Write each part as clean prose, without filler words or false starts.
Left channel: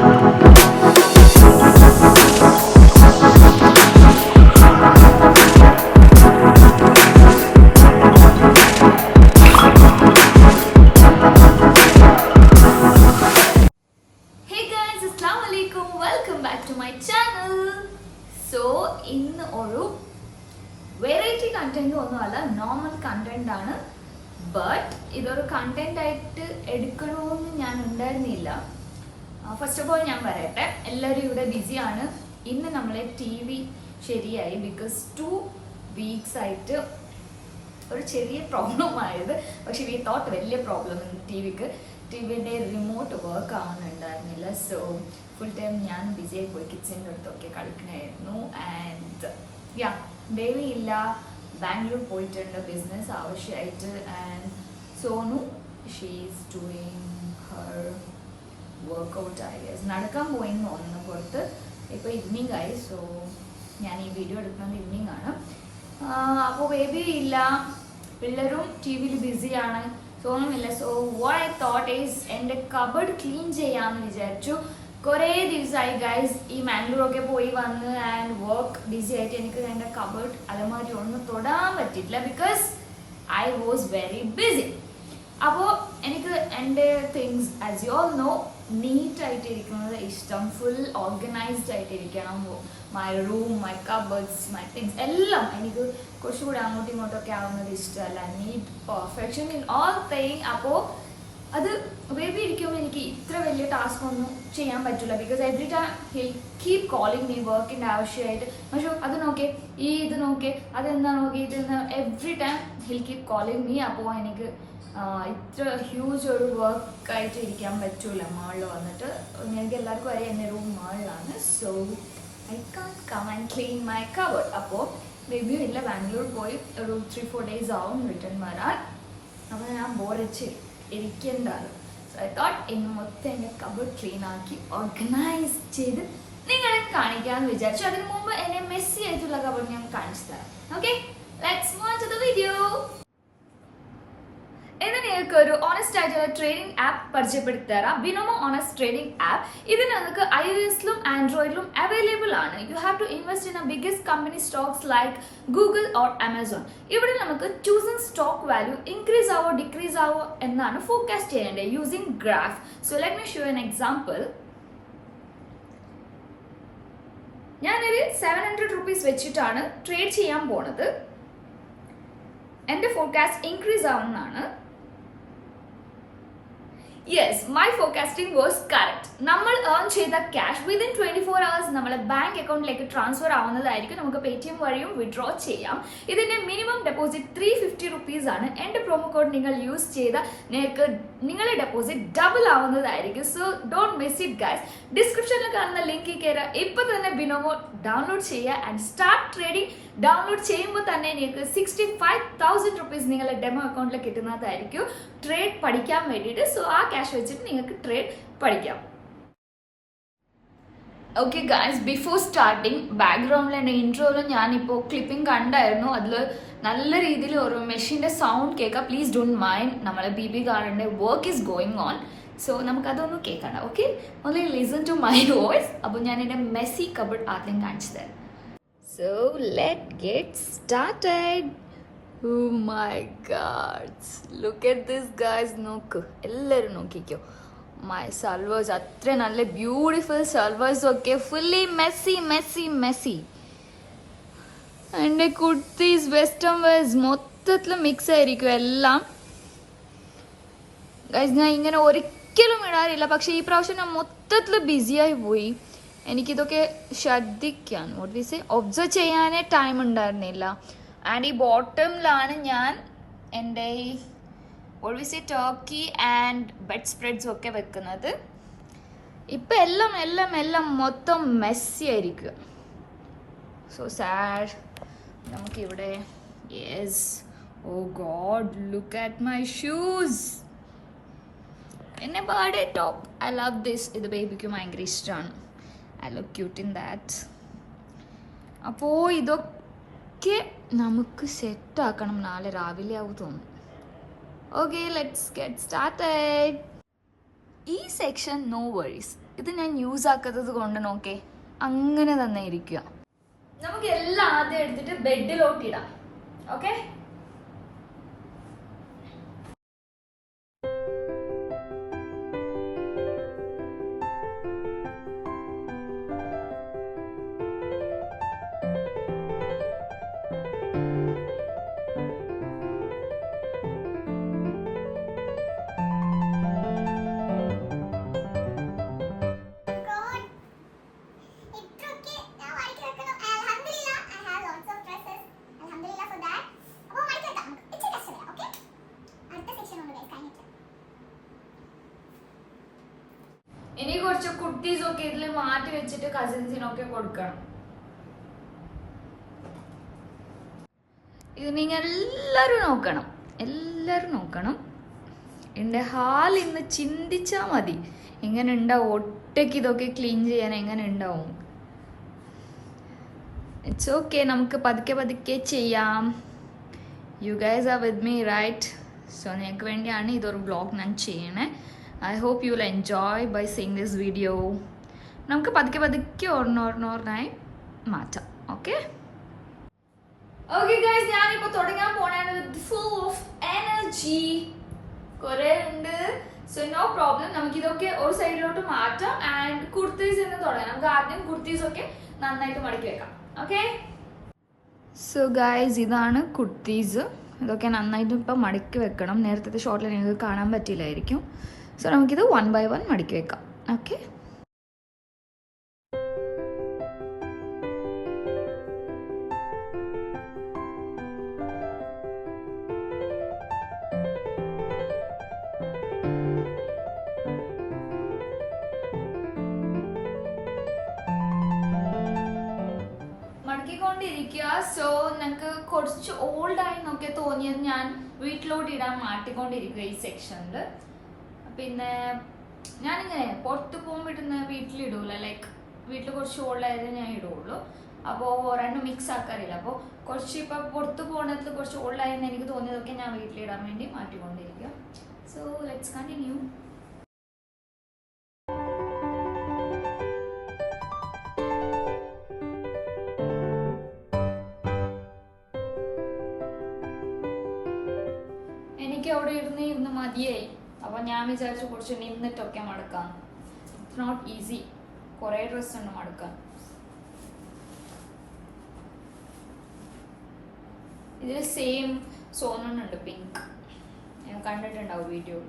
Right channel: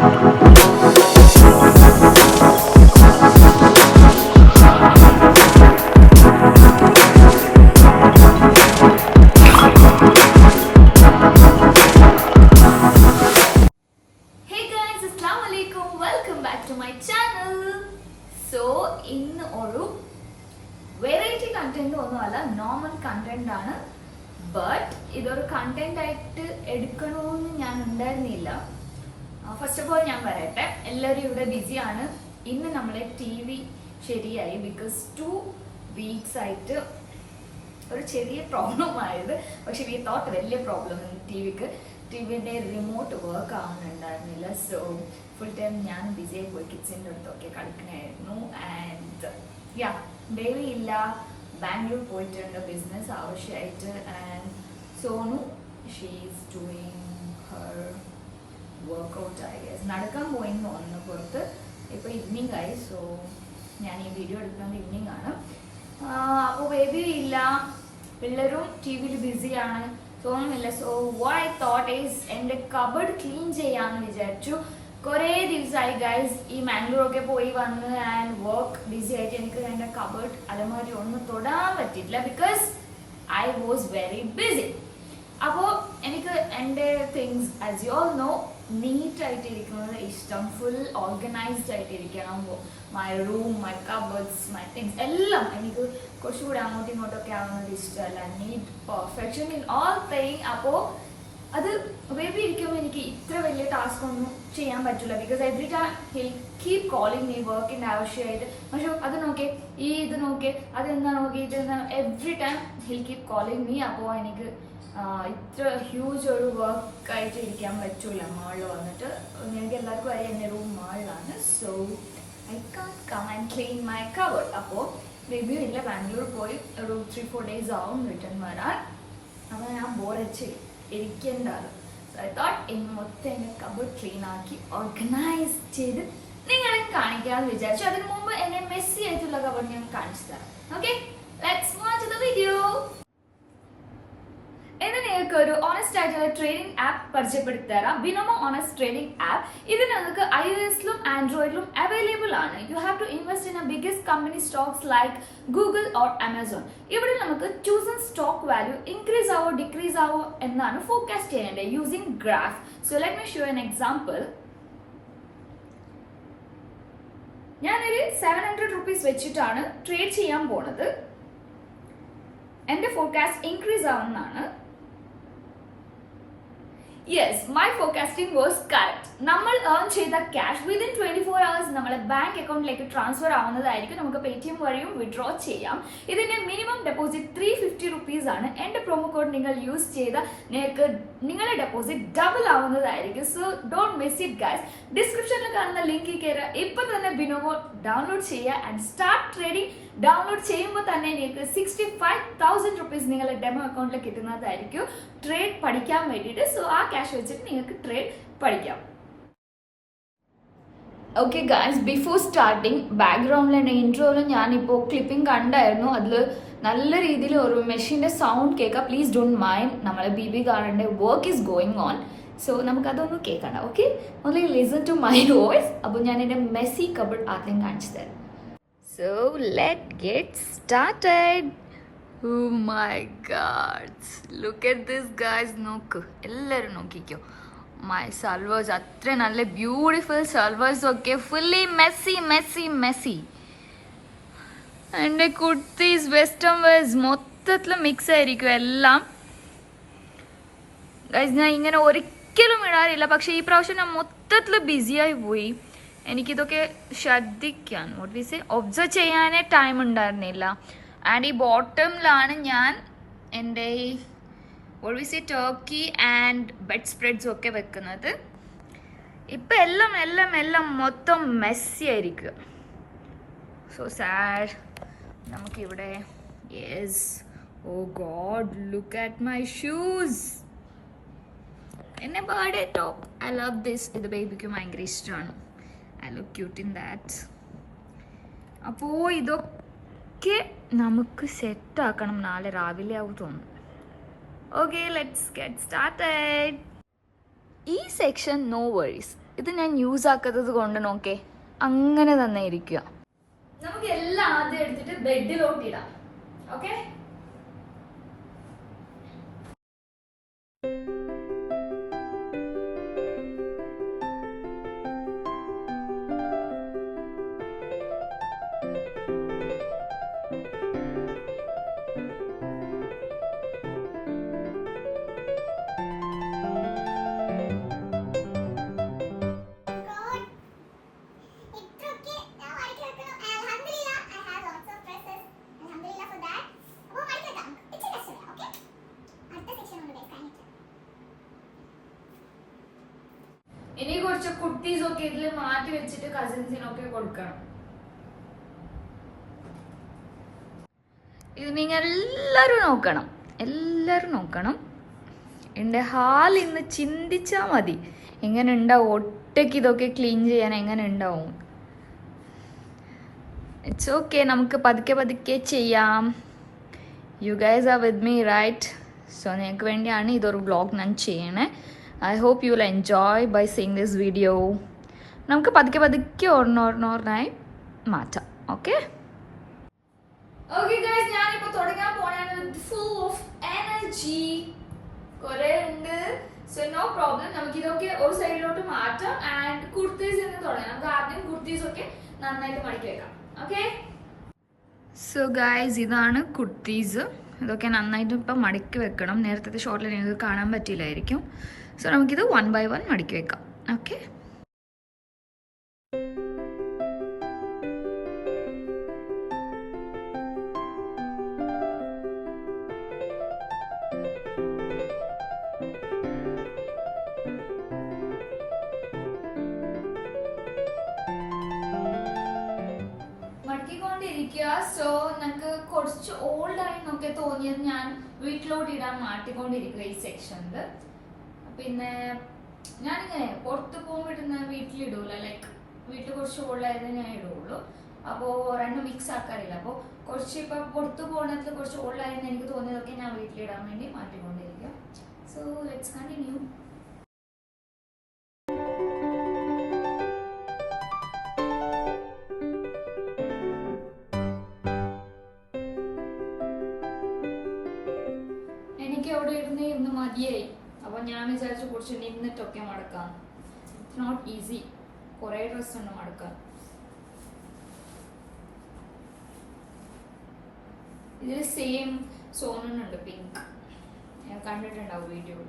Welcome back to my channel. So ഇന്ന് ഒരു variety content ഒന്നുമല്ല, നോർമൽ കണ്ടന്റ് ആണ്. ബട്ട് ഇതൊരു കണ്ടന്റ് ആയിട്ട് എടുക്കണമെന്ന് ഞാൻ ഉണ്ടായിരുന്നില്ല. ഫസ്റ്റ് ഓഫ് ഓൾ ഞാൻ പറയട്ടെ, എല്ലാവരും ഇവിടെ ബിസിയാണ്. ഇന്ന് നമ്മളെ TV ശരിയായി. ബിക്കോസ് 2 weeks ആയിട്ട് ഒരു ചെറിയ പ്രോബ്ലം ആയത്. പക്ഷെ വി തോട്ട് വലിയ പ്രോബ്ലം ടിവിയുടെ റിമോട്ട് വർക്ക് ആവുന്നുണ്ടായിരുന്നില്ല. സോ ഫുൾ ടൈം ഞാൻ ബിസി ആയി പോയി കിച്ചൻ്റെ അടുത്തൊക്കെ കളിക്കണമായിരുന്നു. ആൻഡ് യാ, ബേബി ഇല്ല, ബാംഗ്ലൂർ പോയിട്ടുണ്ട് ബിസിനസ് ആവശ്യമായിട്ട്. And Sonu she's doing her workout ആയി. നടക്കാൻ പോയെന്ന് തോന്നുന്നു പുറത്ത്. ഇപ്പോൾ ഈവനിങ് ആയി. സോ ഞാൻ ഈ വീഡിയോ എടുക്കുന്നത് ഈവനിങ് ആണ്. അപ്പോൾ ബേബി ഇല്ല, പിള്ളേരും ടിവിയിൽ ബിസിയാണ്, സോണുമില്ല. So what I thought is എൻ്റെ കബഡ് ക്ലീൻ ചെയ്യാമെന്ന് വിചാരിച്ചു. കുറേ ദിവസമായി ഗൈസ് ഈ മാംഗ്ലൂരൊക്കെ പോയി വന്ന് ആൻഡ് വർക്ക് ബിസി ആയിട്ട് എനിക്ക് എൻ്റെ കബഡ് അലമാരി ഒന്നും തൊടാൻ പറ്റിയിട്ടില്ല. Because I was very busy. അപ്പോൾ എനിക്ക് എൻ്റെ things as you all know നീറ്റായിട്ട് ഇരിക്കുന്നത് ഇഷ്ടം. ഫുൾ ഓർഗനൈസ്ഡ് ആയിട്ട് ഇരിക്കണം. My room, my cupboards, my things എല്ലാം എനിക്ക് കുറച്ചുകൂടി അങ്ങോട്ടും ഇങ്ങോട്ടൊക്കെ ആവുന്നത് ഇഷ്ടമല്ല. Neat perfection in all thing. അപ്പോൾ അത് ബേബി ഇരിക്കുമ്പോൾ എനിക്ക് ഇത്ര വലിയ ടാസ്ക് ഒന്നും ചെയ്യാൻ പറ്റില്ല. Because every time hill keep calling me വർക്കിൻ്റെ ആവശ്യമായിട്ട്. പക്ഷെ അത് നോക്കേ, ഇത് നോക്കേ, അതെന്താ നോക്കി, ഇതെന്താ, every time hill keep calling me. അപ്പോൾ എനിക്ക് ഇത്ര ഹ്യൂജ് ഒരു വർക്കായിട്ട് ഇരിക്കാൻ പറ്റൂല മാളിൽ വന്നിട്ട്. എനിക്ക് എല്ലാവർക്കും അറിയാം എൻ്റെ റൂം മാളിലാണ്. So I can come and clean my cupboard. അപ്പോൾ ബേബി ഇല്ല, ബാംഗ്ലൂർ പോയി ഒരു 3-4 days ആവും റിട്ടേൺ വരാൻ. അപ്പോൾ ഞാൻ ബോറടിച്ച് ഇരിക്കേണ്ടതാണ്. സോ ഐ തോട്ട് ഇന്ന് മൊത്തം എൻ്റെ കബോർഡ് ക്ലീൻ ആക്കി ഓർഗനൈസ് ചെയ്ത് നിങ്ങളെ കാണിക്കാമെന്ന് വിചാരിച്ചു. അതിന് മുമ്പ് എന്നെ മെസ്സി ആയിട്ടുള്ള കബോർഡ് ഞാൻ കാണിച്ചു തരാം. Okay, let's move to the video. ഇന്ന് നിങ്ങൾക്ക് ഒരു ഓണസ്റ്റ് ആയിട്ടുള്ള ട്രേഡിംഗ് ആപ്പ് പരിചയപ്പെടുത്തി തരാം. Binomo honest trading app. ഇത് നിങ്ങൾക്ക് iOS-ലും ആൻഡ്രോയിഡിലും അവൈലബിൾ ആണ്. You have to invest in a biggest company stocks like Google or Amazon. ഇവിടെ നമുക്ക് ചൂസൺ സ്റ്റോക്ക് വാല്യൂ ഇൻക്രീസ് ആവോ ഡിക്രീസ് ആവോ എന്നാണ് ഫോർകാസ്റ്റ് ചെയ്യേണ്ടത് using graph. So let me show an example. ഞാനൊരു 700 rupees വെച്ചിട്ടാണ് ട്രേഡ് ചെയ്യാൻ പോണത്. എൻ്റെ ഫോർകാസ്റ്റ് ഇൻക്രീസ് ആവുന്നതാണ്. Yes, my forecasting was correct. നമ്മൾ ഏൺ ചെയ്ത ക്യാഷ് വിതിൻ 24 hours നമ്മളെ ബാങ്ക് അക്കൗണ്ടിലേക്ക് ട്രാൻസ്ഫർ ആവുന്നതായിരിക്കും. നമുക്ക് പേടിഎം വഴിയും വിഡ്രോ ചെയ്യാം. ഇതിന്റെ മിനിമം ഡെപ്പോസിറ്റ് 350 rupees ആണ്. എൻ്റെ പ്രൊമോ കോഡ് നിങ്ങൾ യൂസ് ചെയ്താൽ നിങ്ങൾക്ക് നിങ്ങളുടെ ഡെപ്പോസിറ്റ് ഡബിൾ ആവുന്നതായിരിക്കും. So don't miss it guys. ഡിസ്ക്രിപ്ഷനിൽ കാണുന്ന ലിങ്കിൽ കയറുക, ഇപ്പോൾ തന്നെ ബിനോമോ ഡൗൺലോഡ് ചെയ്യുക ആൻഡ് സ്റ്റാർട്ട് ട്രേഡിംഗ്. ഡൗൺലോഡ് ചെയ്യുമ്പോൾ തന്നെ നിങ്ങൾക്ക് 65,000 rupees നിങ്ങളുടെ ഡെമോ അക്കൗണ്ടിൽ കിട്ടുന്നതായിരിക്കും ട്രേഡ് പഠിക്കാൻ വേണ്ടിയിട്ട്. സോ ആ ക്യാഷ് വെച്ചിട്ട് നിങ്ങൾക്ക് ട്രേഡ് പഠിക്കാം. ഓക്കെ ഗായ്സ്, ബിഫോർ സ്റ്റാർട്ടിങ് ബാക്ക്ഗ്രൗണ്ടിലെ ഇൻട്രോയിലും ഞാനിപ്പോൾ ക്ലിപ്പിംഗ് കണ്ടായിരുന്നു. അതിൽ നല്ല രീതിയിൽ ഒരു മെഷീൻ്റെ സൗണ്ട് കേൾക്കാം. Please don't mind. നമ്മളെ ബി കാണേണ്ട work is going on. So നമുക്കതൊന്നും കേൾക്കണ്ട. Okay, only listen to my voice. അപ്പോൾ ഞാൻ എൻ്റെ മെസ്സി കബോർഡ് ആദ്യം കാണിച്ചു തരാം. So let's get started. Oh my god, look at this guys. നോക്ക്, എല്ലാവരും നോക്കിക്കോ. മൈ സൽവേഴ്സ് അത്ര നല്ല ബ്യൂട്ടിഫുൾ സൽവേഴ്സ് ഒക്കെ ഫുള്ളി മെസ്സി മെസ്സി മെസ്സി. എൻ്റെ കുർത്തീസ് വെസ്റ്റേൺ വെയർസ് മൊത്തത്തിൽ മിക്സ് ആയിരിക്കും എല്ലാം. ഗൈസ് ഞാൻ ഇങ്ങനെ ഒരിക്കലും ഇടാറില്ല, പക്ഷേ ഈ പ്രാവശ്യം ഞാൻ മൊത്തത്തിൽ ബിസിയായി പോയി. എനിക്കിതൊക്കെ ശ്രദ്ധിക്കാൻ ഒബ്സർവ് ചെയ്യാനേ ടൈം ഉണ്ടായിരുന്നില്ല. ആൻഡ് ഈ ബോട്ടമിലാണ് ഞാൻ എൻ്റെ ഈ ടർക്കി ആൻഡ് ബെഡ് സ്പ്രെഡ്സും ഒക്കെ വെക്കുന്നത്. ഇപ്പം എല്ലാം എല്ലാം എല്ലാം മൊത്തം മെസ്സി ആയിരിക്കുക. So sad. നമുക്കിവിടെ yes, oh God, look at my shoes. എന്നെ birthday top, I love this. ഇത് ബേബിക്ക് ഭയങ്കര ഇഷ്ടമാണ്. I look cute in that. അപ്പോൾ ഇതൊക്കെ നമുക്ക് സെറ്റാക്കണം. നാളെ രാവിലെ ആവും തോന്നുന്നു. Okay, let's get started. ഈ സെക്ഷൻ നോ വറീസ്. ഇത് ഞാൻ യൂസ് ആക്കാത്തത് കൊണ്ട് നോക്കേ അങ്ങനെ തന്നെ ഇരിക്കുക. നമുക്ക് എല്ലാം ആദ്യം എടുത്തിട്ട് ബെഡിലോട്ട് ഇടാം. ഓക്കെ, ഇനി കുറച്ച് കുർത്തീസ് ഒക്കെ ഇതിൽ മാറ്റി വെച്ചിട്ട് കസിൻസിനൊക്കെ കൊടുക്കണം. ഇത് നിങ്ങൾ എല്ലാവരും നോക്കണം. എൻ്റെ ഹാൾ ഇന്ന് ചിന്തിച്ചാൽ മതി എങ്ങനെ ഉണ്ടാവും, ഒറ്റയ്ക്ക് ഇതൊക്കെ ക്ലീൻ ചെയ്യാൻ എങ്ങനെ ഉണ്ടാവും. ഇറ്റ്സ് ഓക്കെ, നമുക്ക് പതുക്കെ ചെയ്യാം. You guys are with me right? So നിങ്ങൾക്ക് വേണ്ടിയാണ് ഇതൊരു വ്ളോഗ് ഞാൻ ചെയ്യണേ. I hope you will enjoy by seeing this video. നമുക്ക് പതുക്കെ ഓർണോർണോർണായി മാറ്റാം. ഓക്കെ ഗൈസ്, ഞാനിപ്പോൾ തുടങ്ങാൻ പോണാണ് വിത്ത് ഫുൾ ഓഫ് എനർജി. കുറേ ഉണ്ട്, സോ നോ പ്രോബ്ലം. നമുക്കിതൊക്കെ ഒരു സൈഡിലോട്ട് മാറ്റാം ആൻഡ് കുർത്തീസ് എന്ന് തുടങ്ങാം. നമുക്ക് ആദ്യം കുർത്തീസ് ഒക്കെ നന്നായിട്ട് മടക്കി വെക്കാം. ഓക്കെ, സോ ഗൈസ് ഇതാണ് കുർത്തീസ്. ഇതൊക്കെ നന്നായിട്ട് ഇപ്പം മടക്കി വെക്കണം. നേരത്തെ ഷോർട്ടിൽ നിങ്ങൾക്ക് കാണാൻ പറ്റില്ലായിരിക്കും. സോ നമുക്കിത് 1 by 1 മടക്കി വെക്കാം. ഓക്കെ, മടക്കിക്കൊണ്ടിരിക്കുക. സോ ഞങ്ങൾക്ക് കുറച്ച് ഓൾഡായി എന്നൊക്കെ തോന്നിയത് ഞാൻ വീട്ടിലോട്ട് ഇടാൻ മാറ്റിക്കൊണ്ടിരിക്കുക ഈ സെക്ഷനിൽ. പിന്നെ ഞാനിങ്ങനെ പുറത്ത് പോകുമ്പോൾ ഇടുന്ന വീട്ടിലിടൂല, ലൈക്ക് വീട്ടിൽ കുറച്ച് ഓൾഡായത് ഞാൻ ഇടുള്ളൂ. അപ്പോൾ രണ്ടും മിക്സ് ആക്കാറില്ല. അപ്പോൾ കുറച്ച് ഇപ്പം പുറത്ത് പോകുന്നതിൽ കുറച്ച് ഓൾഡായെന്ന് എനിക്ക് തോന്നിയതൊക്കെ ഞാൻ വീട്ടിലിടാൻ വേണ്ടി മാറ്റിക്കൊണ്ടിരിക്കുക. So let's continue. എനിക്ക് അവിടെ ഇരുന്ന് മതിയായി. അപ്പോൾ ഞാൻ വിചാരിച്ചു കുറച്ച് നിന്നിട്ടൊക്കെ മടക്കാം. ഇറ്റ്സ് നോട്ട് ഈസി, കുറേ ഡ്രസ്സ് ഉണ്ട് മടക്കാൻ. ഇതിൽ സെയിം സോണുണ്ട്, പിങ്ക്. ഞാൻ കണ്ടിട്ടുണ്ടാവും വീഡിയോ.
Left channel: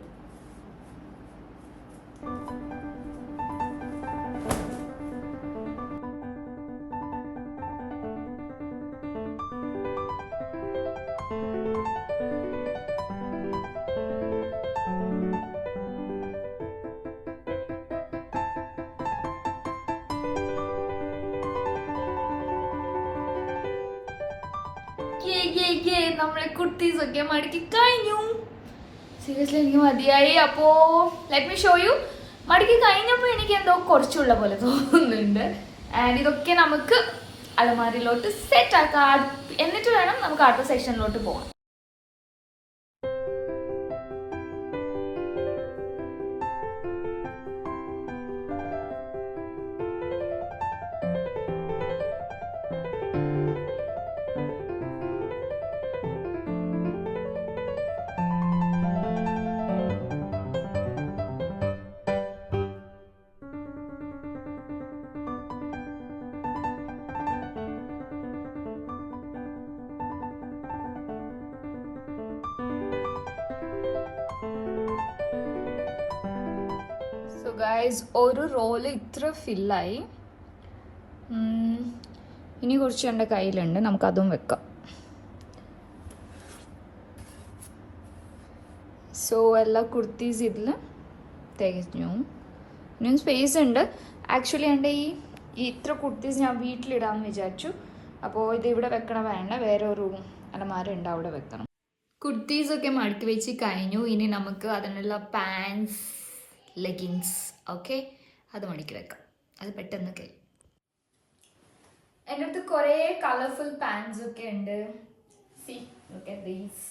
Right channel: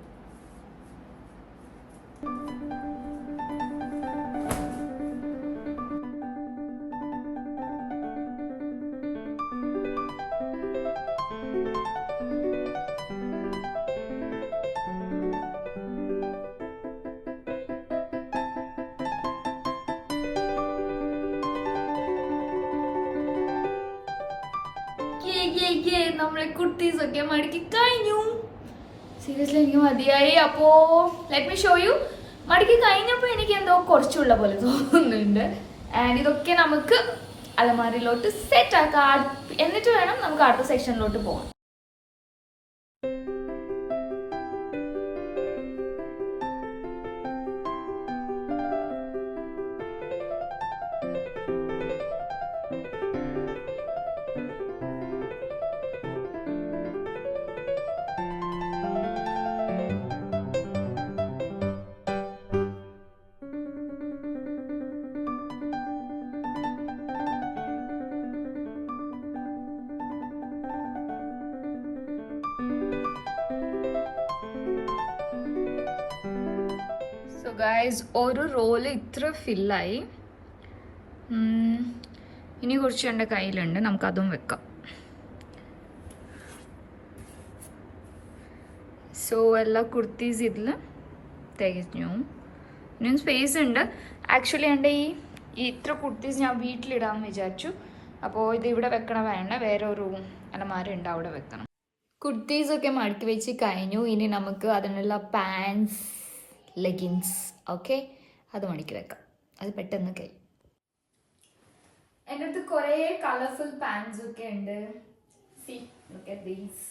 നമ്മളെ കുർത്തീസ് ഒക്കെ മടക്കി കഴിഞ്ഞു. സീരിയസ്ലി എനിക്ക് മതിയായി. അപ്പോ ലെറ്റ് മീ ഷോ യു. മടക്കി കഴിഞ്ഞപ്പോൾ എനിക്ക് എന്തോ കുറച്ചുള്ള പോലെ തോന്നുന്നുണ്ട്. ആൻഡ് ഇതൊക്കെ നമുക്ക് അലമാരിലോട്ട് സെറ്റ് ആക്കാം. എന്നിട്ട് വേണം നമുക്ക് അടുത്ത സെക്ഷനിലോട്ട് പോകാം. ഗൈസ്, ഒരു റോള് ഇത്ര ഫില്ലായി. ഇനി കുറച്ച് എൻ്റെ കയ്യിലുണ്ട്, നമുക്കതും വെക്കാം. സോ എല്ലാ കുർത്തീസ് ഇതിൽ തികഞ്ഞു. ഇനിയും സ്പേസ് ഉണ്ട്. ആക്ച്വലി എൻ്റെ ഈ ഇത്ര കുർത്തീസ് ഞാൻ വീട്ടിലിടാമെന്ന് വിചാരിച്ചു. അപ്പോൾ ഇത് ഇവിടെ വെക്കണം വേണ്ട, വേറെ ഒരു അലമാര ഉണ്ട്, അവിടെ വെക്കണം. കുർത്തീസൊക്കെ മടക്കി വെച്ച് കഴിഞ്ഞു. ഇനി നമുക്ക് അതിനുള്ള പാൻസ്, ലെഗിൻസ്, ഓക്കെ, അത് മടക്കി വെക്കാം. അത് പെട്ടെന്ന് കഴിയും. എൻ്റെ അടുത്ത് കുറേ കളർഫുൾ പാൻസ് ഒക്കെ ഉണ്ട്. C, look at these.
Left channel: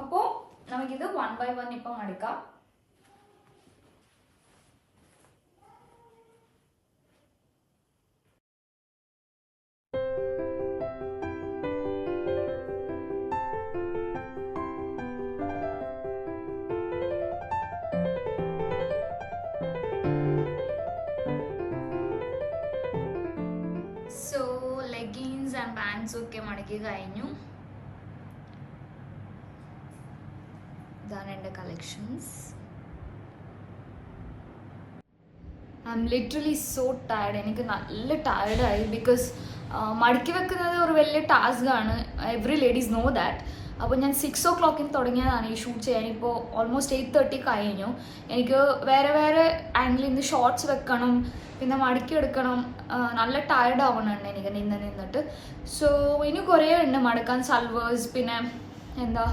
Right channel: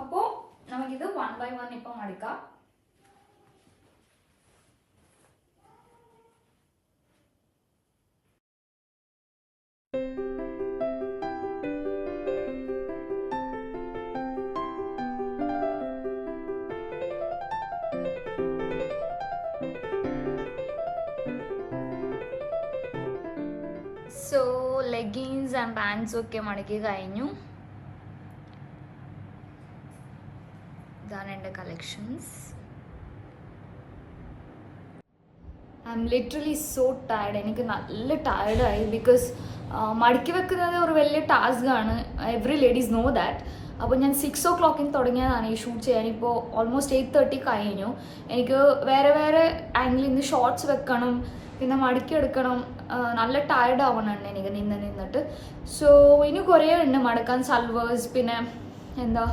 അപ്പോൾ നമുക്കിത് 1 by 1 ഇപ്പം മടക്കാം. പാൻസും ഒക്കെ മടക്കി കഴിഞ്ഞു. ഇതാണ് എൻ്റെ collections. I M literally so tired. എനിക്ക് നല്ല ടയർഡായി. ബിക്കോസ് മടക്കി വെക്കുന്നത് ഒരു വലിയ ടാസ്ക് ആണ്. Every ladies know that. അപ്പോൾ ഞാൻ 6 o'clock തുടങ്ങിയതാണ് ഈ ഷൂട്ട് ചെയ്യാൻ. ഇപ്പോൾ ഓൾമോസ്റ്റ് 8:30 കഴിഞ്ഞു. എനിക്ക് വേറെ വേറെ ആംഗിളിൽ നിന്ന് ഷോർട്സ് വെക്കണം, പിന്നെ മടക്കി എടുക്കണം. നല്ല ടയർഡ് ആവണുണ്ട് എനിക്ക് നിന്നിട്ട്. സോ ഇനി കുറേ ഉണ്ട് മടക്കാൻ. സൽവേഴ്സ്, പിന്നെ എന്താ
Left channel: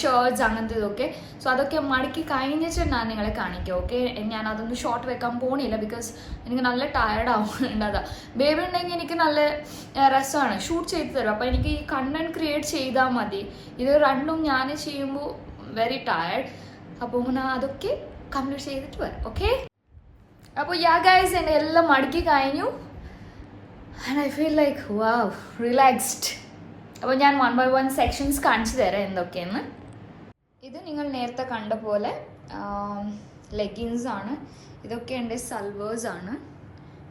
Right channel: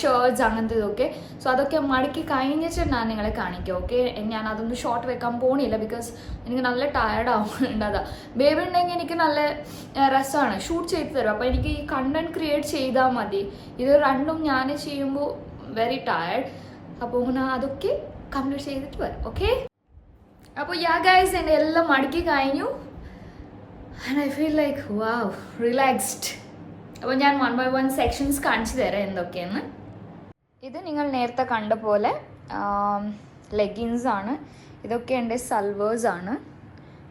ഷർട്ട്സ്, അങ്ങനത്തെ ഇതൊക്കെ. സോ അതൊക്കെ മടക്കി കഴിഞ്ഞിട്ട് ഞാൻ നിങ്ങളെ കാണിക്കാം. ഓക്കെ, ഞാൻ അതൊന്നും ഷോർട്ട് വെക്കാൻ പോണില്ല. ബിക്കോസ് എനിക്ക് നല്ല ടയർഡ് ആവുന്നുണ്ട്. അതാ ബേബി ഉണ്ടെങ്കിൽ എനിക്ക് നല്ല രസമാണ്, ഷൂട്ട് ചെയ്ത് തരും. അപ്പോൾ എനിക്ക് ഈ കണ്ടന്റ് ക്രിയേറ്റ് ചെയ്താൽ മതി. ഇത് രണ്ടും ഞാൻ ചെയ്യുമ്പോൾ വെരി ടയർഡ്. അപ്പോൾ ഞാൻ അതൊക്കെ കംപ്ലീറ്റ് ചെയ്തിട്ട് വരാം. ഓക്കെ, അപ്പോൾ യാ ഗൈസ്, എൻ്റെ എല്ലാം മടക്കി കഴിഞ്ഞു. And I feel like wow, relaxed. അപ്പോൾ ഞാൻ 1 by 1 സെക്ഷൻസ് കാണിച്ചു തരാം എന്തൊക്കെയെന്ന്. ഇത് നിങ്ങൾ നേരത്തെ കണ്ട പോലെ ലെഗിൻസ് ആണ്. ഇതൊക്കെ എൻ്റെ സൽവേഴ്സ് ആണ്.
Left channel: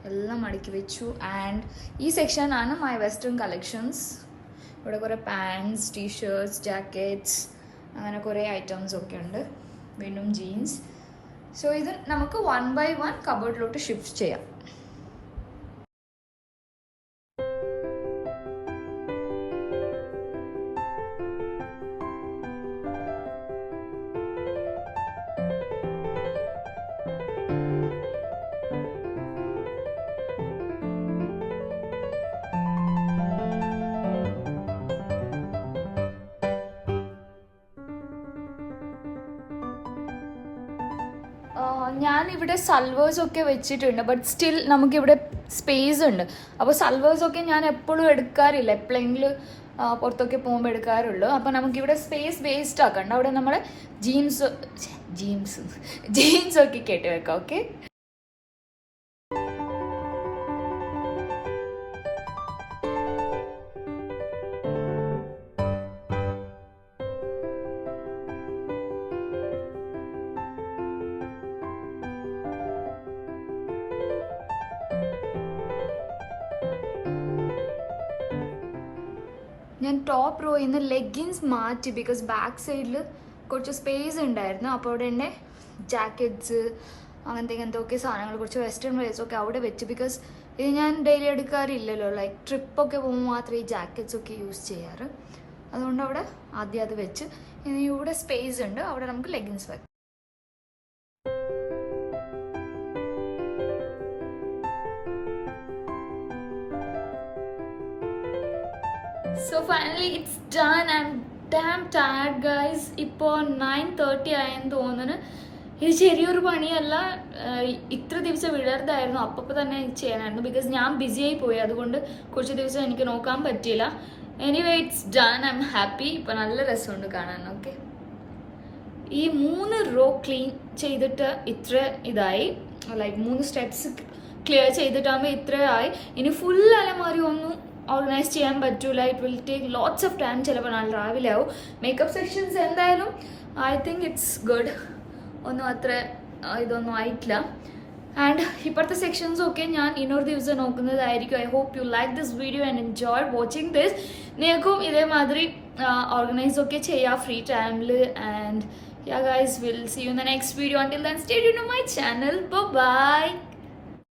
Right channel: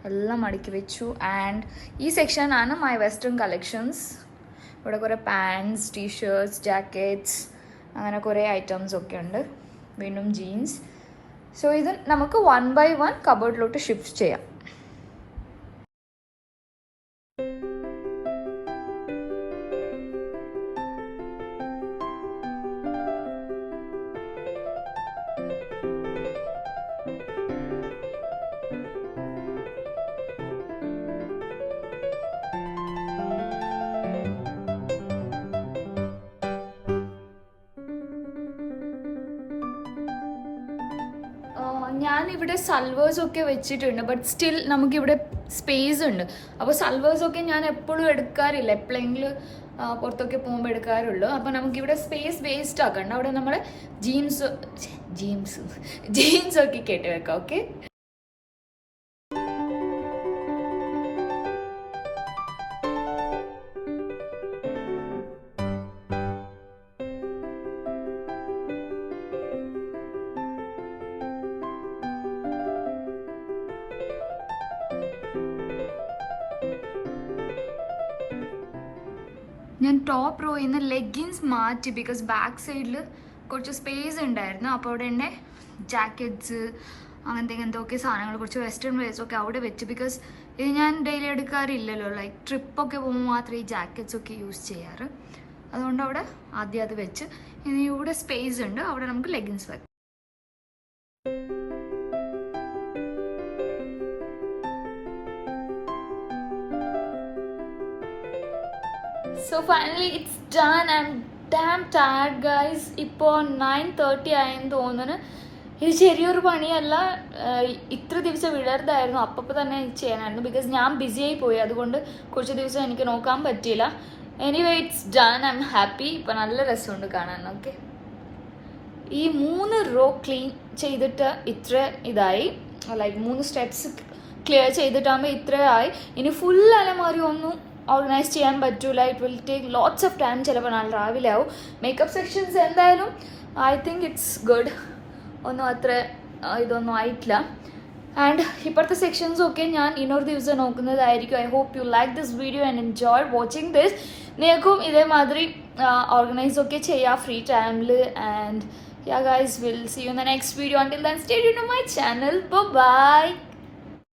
എല്ലാം മടക്കി വെച്ചു. ആൻഡ് ഈ സെക്ഷനാണ് മൈ വെസ്റ്റേൺ കളക്ഷൻസ്. ഇവിടെ കുറേ പാൻസ്, ടീഷർട്ട്സ്, ജാക്കറ്റ്സ്, അങ്ങനെ കുറേ ഐറ്റംസ് ഒക്കെ ഉണ്ട്. വീണ്ടും ജീൻസ്. സോ ഇത് നമുക്ക് 1 by 1 കബോർഡിലോട്ട് ഷിഫ്റ്റ് ചെയ്യാം. ഞാനിവിടെ സൽവേഴ്സൊക്കെ വെച്ചിട്ടുണ്ട്. ബട്ട് സ്റ്റിൽ നമുക്കിവിടെ സ്പേസ് ഉണ്ട്. അപ്പോൾ സൽവേഴ്സൊക്കെ ഞാൻ എപ്പോഴും എടുക്കാറില്ല, എപ്പോഴെങ്കിലും പുറത്തൊക്കെ പോകുമ്പോൾ എടുക്കാറുള്ളൂ. അപ്പോൾ നമുക്കിവിടെ സ്പേസ് വേസ്റ്റ് ആക്കണ്ട. അവിടെ നമ്മൾ ജീൻസൊക്കെ കേട്ട് വെക്കാം. ഓക്കെ, ഞാൻ ടോപ്പ് റോയിൽ നിന്ന് ലെഗിൻസ് മാറ്റി. ബിക്കോസ് ബാക്ക് സൈഡിൽ കുറച്ച് സ്പേസ് ഉണ്ടായിരുന്നു. അപ്പോൾ അവിടെ എൻ്റെ ജാക്കറ്റ്സ്, അങ്ങനത്തെ ഒക്കെ സാധനങ്ങൾ, കുറച്ച് വെസ്റ്റേൺ വെയർസൊക്കെ അവിടെ വെച്ച്. ബിക്കോസ് ഇത് ഞാൻ ഡെയിലി എടുക്കാറില്ലല്ലോ. ലൈക്ക് ട്രിപ്പൊക്കെ പോകുമ്പോൾ മാത്രമേ ഈ ജാക്കറ്റ്സ് ഒക്കെ യൂസ് ചെയ്യാറ്. അതുകൊണ്ട് അവിടെ ആദ്യം അത് വെച്ച്. ഇനി ഇവിടെ സ്പേസ് ഉണ്ട്, അവിടെ നമുക്ക് ലെഗിൻസ് വെക്കാം. So finally it's done. I'm damn tired guys. ഇപ്പോൾ 9:30 ആയെന്ന് തോന്നുന്നു. ഇത് ചെറിയൊരു പണിയല്ല. ഇത്ര ദിവസം വിടരുതായിരുന്നു, അപ്പോൾ തന്നെ ചെയ്യാനായിരുന്നു. ബിക്കോസ് ഞാൻ ബിസിയായി പോയി, അതുകൊണ്ട് കുറച്ച് ദിവസം എനിക്ക് നോക്കാൻ പറ്റിയില്ല. Anyway it's done. I am happy. ഇപ്പം നല്ല രസമുണ്ട് കാണാൻ. ഓക്കെ, ഈ 3 റോ ക്ലീൻ ചെയ്തിട്ട് ഇത്ര ഇതായി. ലൈക്ക് 3 സ്റ്റെപ്സ് ക്ലിയർ ചെയ്തിട്ടാകുമ്പോൾ ഇത്രയായി. ഇനി ഫുൾ അലമാരി ഒന്നും ഓർഗനൈസ് ചെയ്യാൻ പറ്റൂല. It will take lots of time. ചിലപ്പോൾ നാളെ രാവിലെ ആവും. മേക്കപ്പ് സെക്ഷൻസ് എന്തായാലും ഐ തിങ്ക് ഇറ്റ്സ് ഗുഡ്. ഒന്നും അത്ര ഇതൊന്നും ആയിട്ടില്ല. ആൻഡ് ഇപ്പോഴത്തെ സെക്ഷൻസൊക്കെ ഞാൻ ഇന്നൊരു ദിവസം നോക്കുന്നതായിരിക്കും. I hope you like this video and enjoy watching this. നിങ്ങൾക്കും ഇതേമാതിരി ഓർഗനൈസ് ഒക്കെ ചെയ്യാം ഫ്രീ ടൈമിൽ. And yeah guys, we'll see you in the next video. Until then, stay tuned to my channel. Bye bye.